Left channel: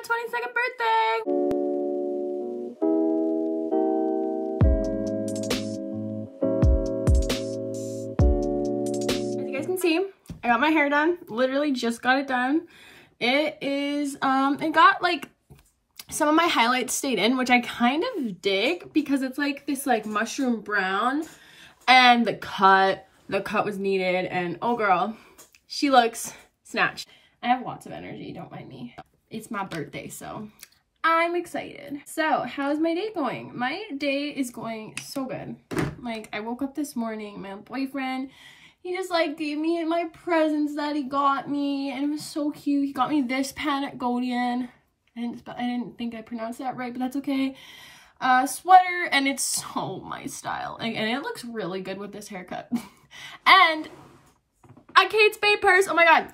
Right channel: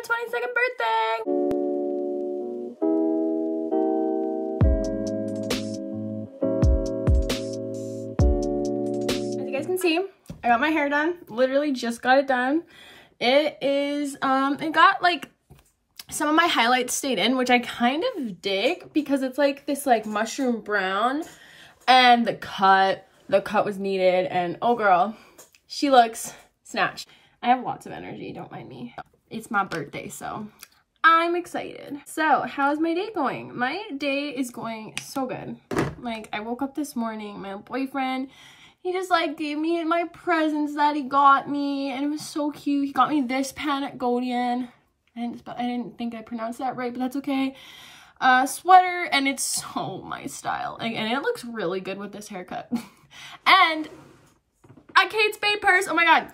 my 22nd birthday. As you guys can see, I got my hair done. Literally just got it done. It is, it got like some of my highlights stayed in, which I kind of dig because it's like this like mushroom brown, and the cut was needed, and oh girl, she looks snatched. I have lots of energy, don't mind me. It's my birthday, so I'm excited. So how's my day going? My day is going so good. Like, I woke up this morning, my boyfriend, he just like gave me my presents that he got me, and it was so cute. He got me this pen at Codeine. I didn't think I pronounced that right, but that's okay. Sweater, and it's so my style. Like, and it looks really good with this haircut. And a Kate Spade purse. Oh my god.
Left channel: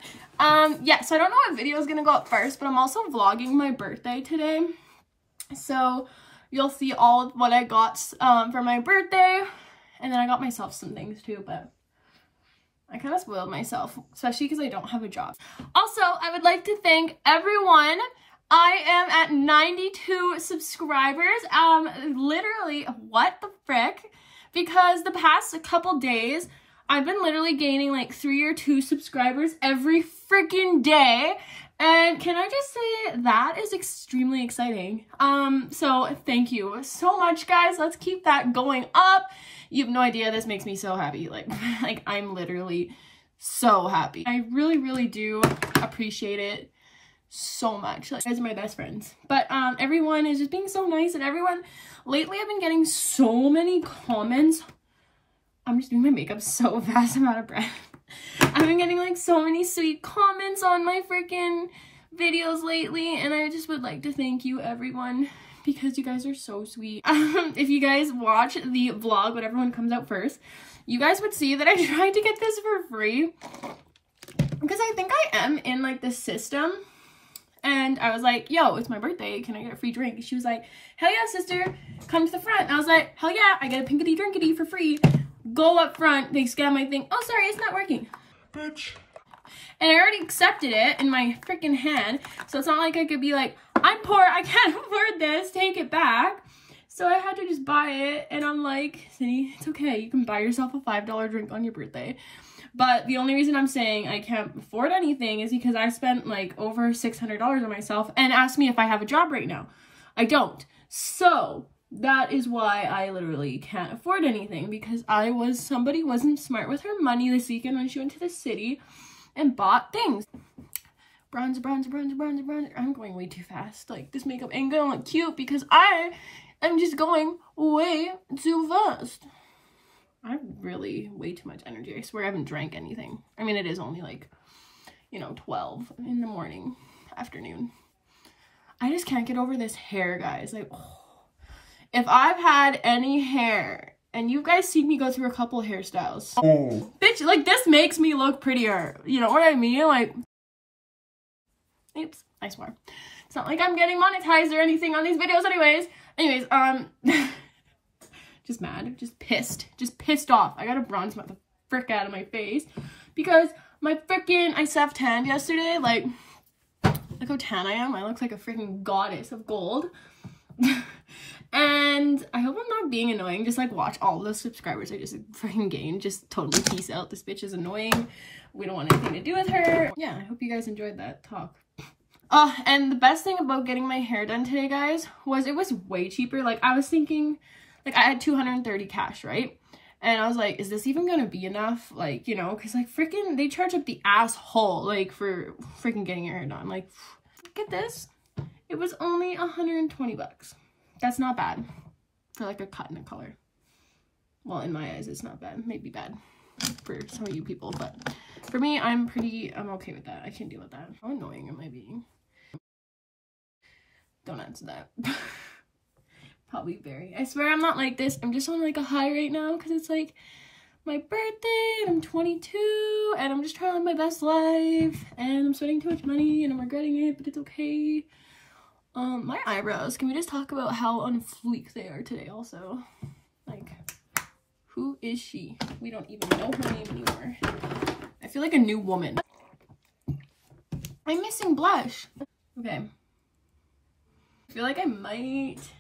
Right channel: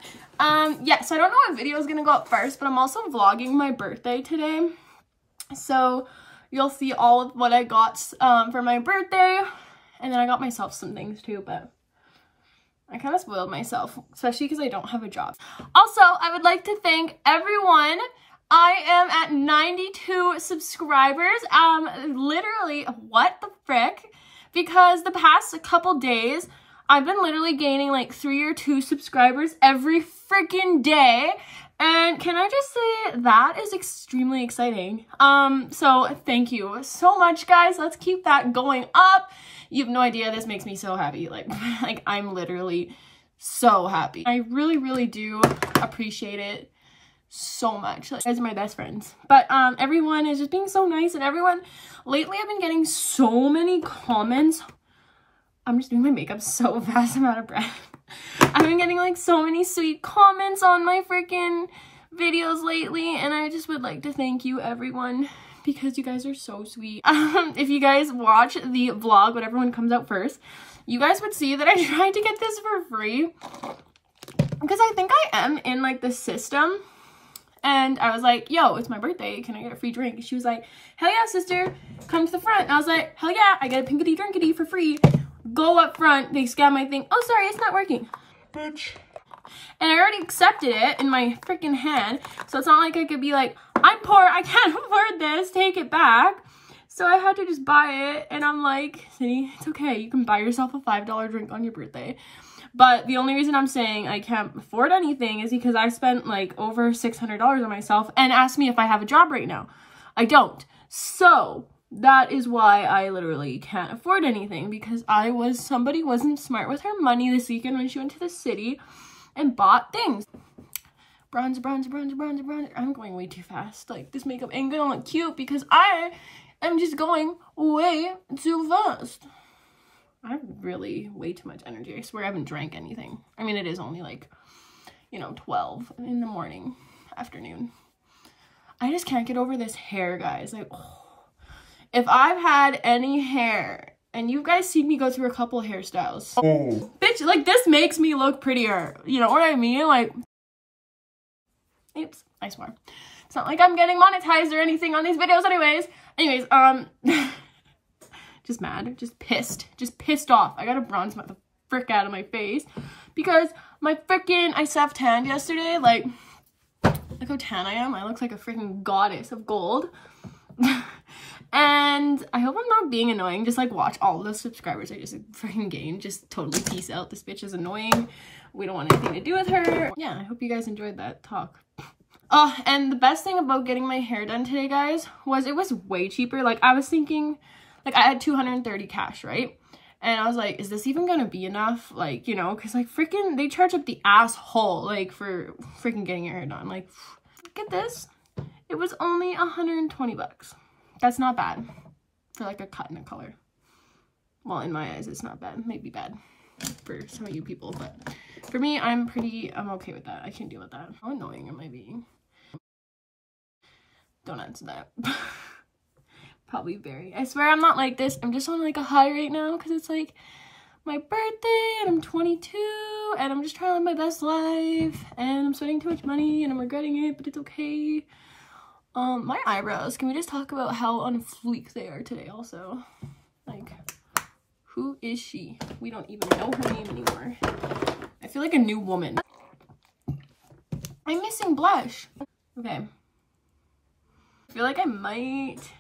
Yeah, so I don't know what video is gonna go up first, but I'm also vlogging my birthday today. So you'll see all of what I got for my birthday. And then I got myself some things too, but I kind of spoiled myself, especially because I don't have a job. Also, I would like to thank everyone. I am at 92 subscribers. Literally, what the frick? Because the past couple days, I've been literally gaining like 3 or 2 subscribers every freaking day. And can I just say that is extremely exciting. So thank you so much, guys. Let's keep that going up. You have no idea, this makes me so happy. Like I'm literally so happy. I really, really do appreciate it so much. Like, you guys are my best friends. But everyone is just being so nice, and everyone lately I've been getting so many comments. I'm just doing my makeup so fast, I'm out of breath. I've been getting like so many sweet comments on my freaking videos lately, and I just would like to thank you everyone, because you guys are so sweet. If you guys watch the vlog, whatever one comes out first, you guys would see that I tried to get this for free because I think I am in like the system. And I was like, yo, it's my birthday, can I get a free drink? She was like, hell yeah, sister, come to the front. And I was like, hell yeah, I get a pinkity drinkity for free. Go up front, they scan my thing. Oh, sorry, it's not working. Bitch. And I already accepted it in my freaking hand. So it's not like I could be like, I'm poor, I can't afford this, take it back. So I had to just buy it. And I'm like, see, it's okay. You can buy yourself a $5 drink on your birthday. But the only reason I'm saying I can't afford anything is because I spent like over $600 on myself, and asked me if I have a job right now. I don't. So that is why I literally can't afford anything, because somebody wasn't smart with her money this weekend when she went to the city and bought things. Bronzer, bronzer, bronzer, bronzer, bronzer. I'm going way too fast. Like, this makeup ain't gonna look cute because I am just going way too fast. I have really way too much energy. I swear I haven't drank anything. I mean, it is only like, you know, 12 in the morning, afternoon. I just can't get over this hair, guys. Like, oh. If I've had any hair, and you guys seen me go through a couple hairstyles. Oh. Bitch, like, this makes me look prettier. You know what I mean? Like, oops, I swear. It's not like I'm getting monetized or anything on these videos anyways. Just mad, just pissed off. I gotta bronze the frick out of my face because my freaking, I self-tanned yesterday. Like, look how tan I am. I look like a freaking goddess of gold. And I hope I'm not being annoying. Just like watch all the subscribers I just freaking gained. Just totally peace out. This bitch is annoying. We don't want anything to do with her. Yeah, I hope you guys enjoyed that talk. And the best thing about getting my hair done today, guys, was it was way cheaper. Like, I was thinking, like, I had $230 cash, right? And I was like, is this even gonna be enough? Like, you know, because like freaking they charge up the asshole like for freaking getting your hair done. Like, get this, it was only 120 bucks. That's not bad for like a cut and a color. Well, in my eyes, it's not bad. Maybe bad for some of you people, but for me, I'm okay with that. I can deal with that. How annoying am I being? Don't answer that. Probably very. I swear I'm not like this. I'm just on like a high right now because it's like my birthday and I'm 22 and I'm just trying to live my best life and I'm spending too much money and I'm regretting it, but it's okay. My eyebrows, can we just talk about how on fleek they are today also? Like, who is she? We don't even know her name anymore. I feel like a new woman. I'm missing blush. Okay. feel like I might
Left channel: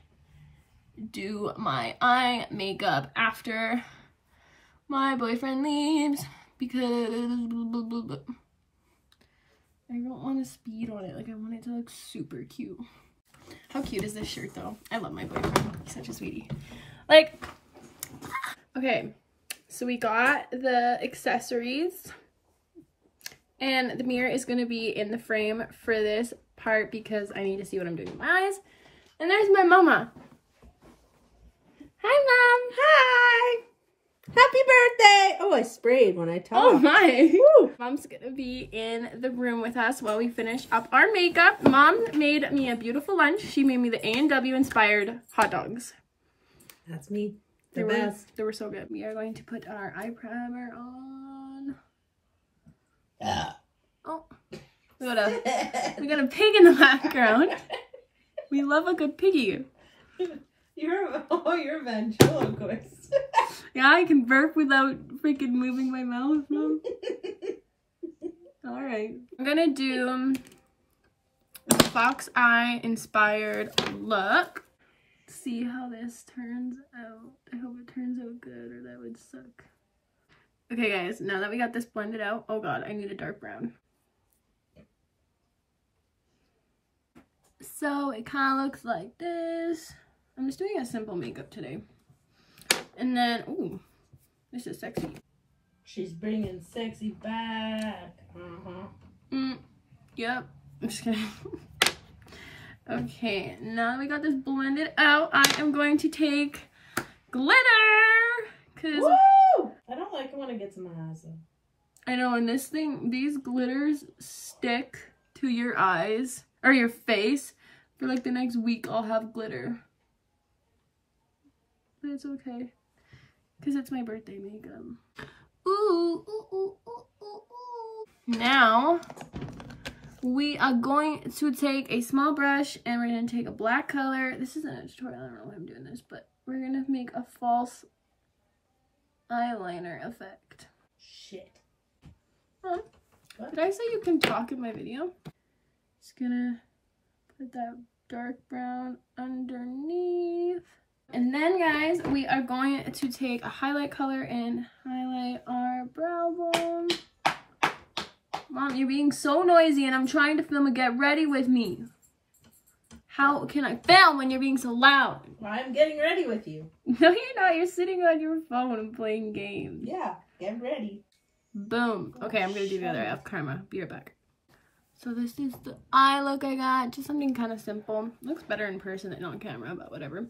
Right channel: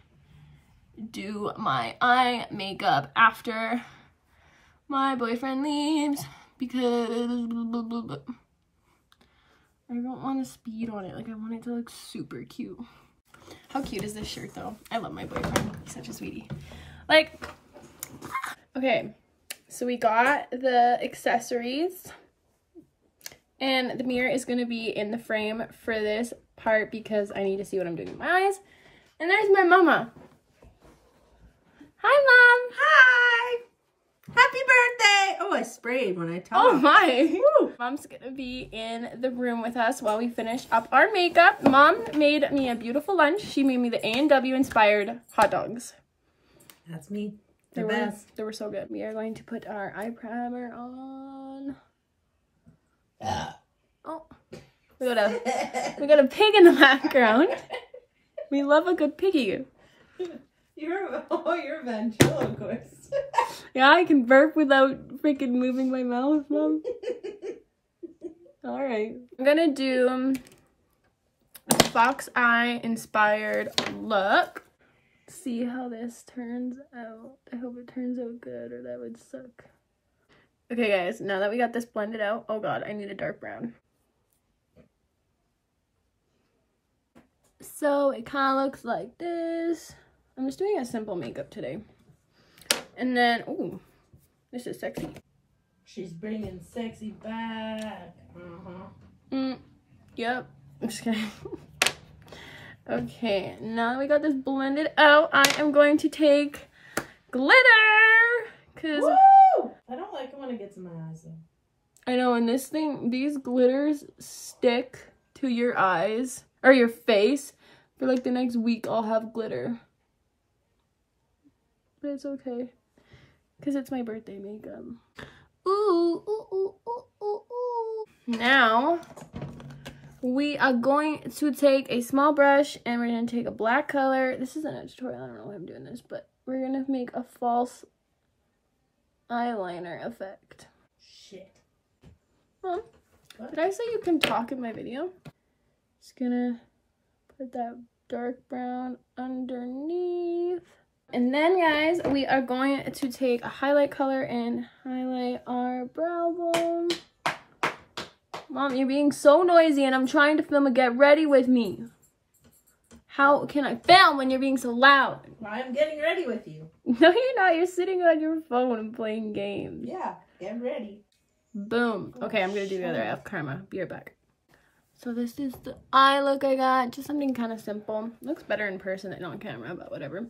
do my eye makeup after my boyfriend leaves because I don't want to speed on it. Like, I want it to look super cute. How cute is this shirt though? I love my boyfriend. He's such a sweetie. Like, okay, so we got the accessories and the mirror is going to be in the frame for this part because I need to see what I'm doing with my eyes. And there's my mama. Hi, Mom. Hi. Happy birthday. Oh, I sprayed when I talked. Oh my. Woo. Mom's going to be in the room with us while we finish up our makeup. Mom made me a beautiful lunch. She made me the A&W inspired hot dogs. That's me. They were so good. We are going to put our eye primer on. Oh, we got a pig in the background. We love a good piggy. You're a ventriloquist. Yeah, I can burp without freaking moving my mouth, Mom. All right, I'm gonna do a fox eye inspired look. See how this turns out. I hope it turns out good or that would suck. Okay guys, now that we got this blended out, oh god, I need a dark brown. So it kind of looks like this. I'm just doing a simple makeup today. And then, ooh, this is sexy. She's bringing sexy back. Yep, I'm just kidding. Okay, now that we got this blended out, I am going to take glitter. Cause woo! I don't like it when it gets in my eyes. I know, and these glitters stick to your eyes or your face for like the next week. I'll have glitter, but it's okay because it's my birthday makeup. Ooh, ooh, ooh, ooh, ooh, ooh. Now we are going to take a small brush and we're going to take a black color. This isn't a tutorial, I don't know why I'm doing this, but we're going to make a false eyeliner effect. Shit. Huh? Did I say you can talk in my video? Just gonna put that dark brown underneath. And then guys, we are going to take a highlight color and highlight our brow bone. Mom, you're being so noisy and I'm trying to film a get ready with me. How can I film when you're being so loud? I'm getting ready with you. No, you're not. You're sitting on your phone and playing games. Yeah, get ready. Boom. Okay, I'm going to do the other half. Karma. Be right back. So this is the eye look I got. Just something kind of simple. Looks better in person than on camera, but whatever.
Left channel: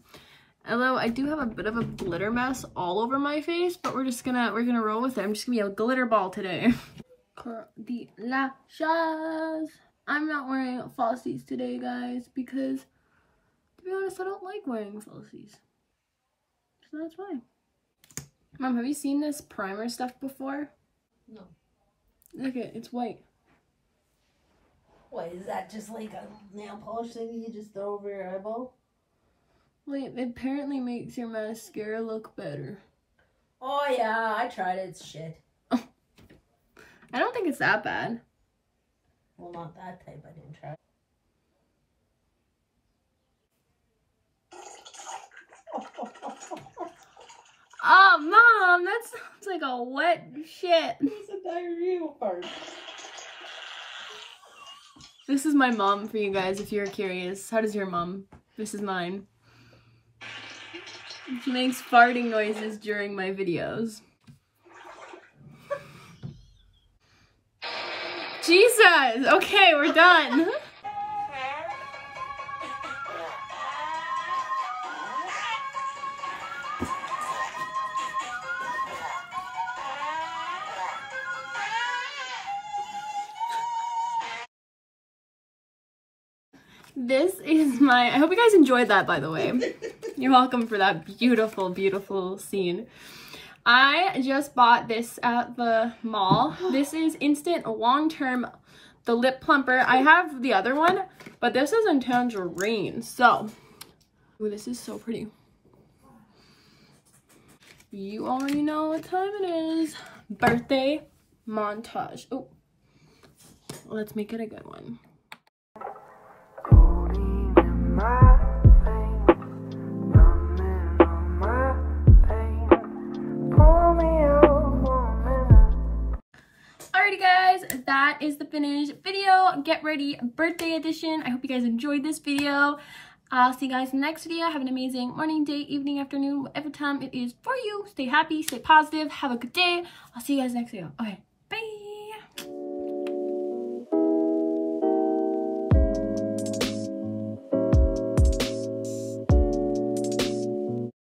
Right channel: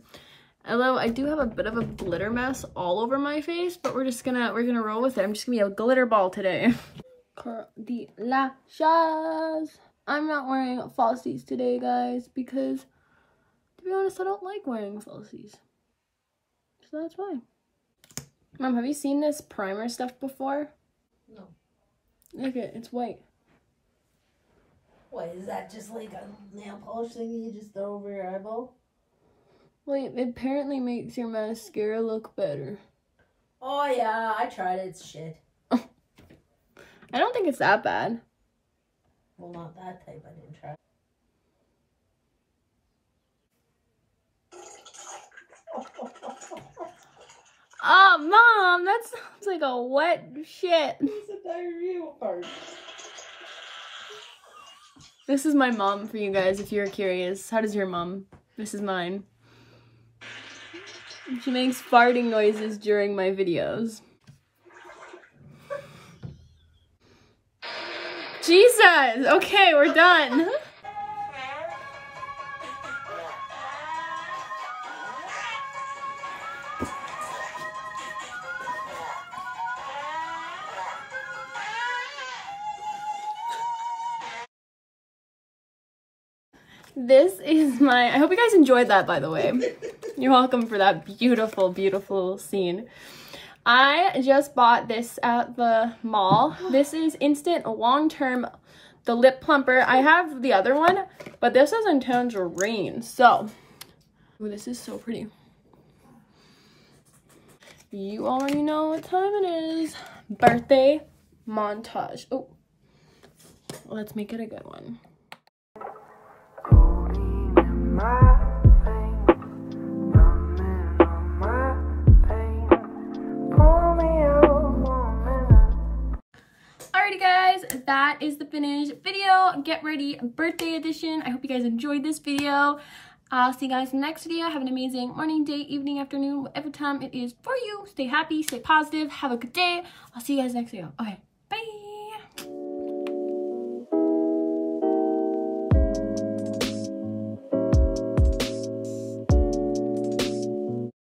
Although I do have a bit of a glitter mess all over my face, but we're gonna roll with it. I'm just gonna be a glitter ball today. Curl the lashes. I'm not wearing falsies today, guys, because to be honest, I don't like wearing falsies. So that's why. Mom, have you seen this primer stuff before? No. Look at it, it's white. What, is that just like a nail polish thing you just throw over your eyeball? Well, it apparently makes your mascara look better. Oh yeah, I tried it, it's shit. I don't think it's that bad. Well, not that type, I didn't try. Oh, Mom, that sounds like a wet shit. It's a diarrhea part. This is my mom for you guys, if you're curious. How does your mom? This is mine. She makes farting noises during my videos. Jesus! Okay, we're done. This is my, I hope you guys enjoyed that, by the way. You're welcome for that beautiful, beautiful scene. I just bought this at the mall. This is Instant Long-Term, the Lip Plumper. I have the other one, but this is in tangerine. So, ooh, this is so pretty. You already know what time it is. Birthday montage. Oh, let's make it a good one. Codeine in my that is the finished video. Get ready birthday edition. I hope you guys enjoyed this video. I'll see you guys in the next video. Have an amazing morning, day, evening, afternoon, whatever time it is for you. Stay happy, stay positive, have a good day. I'll see you guys next video. Okay.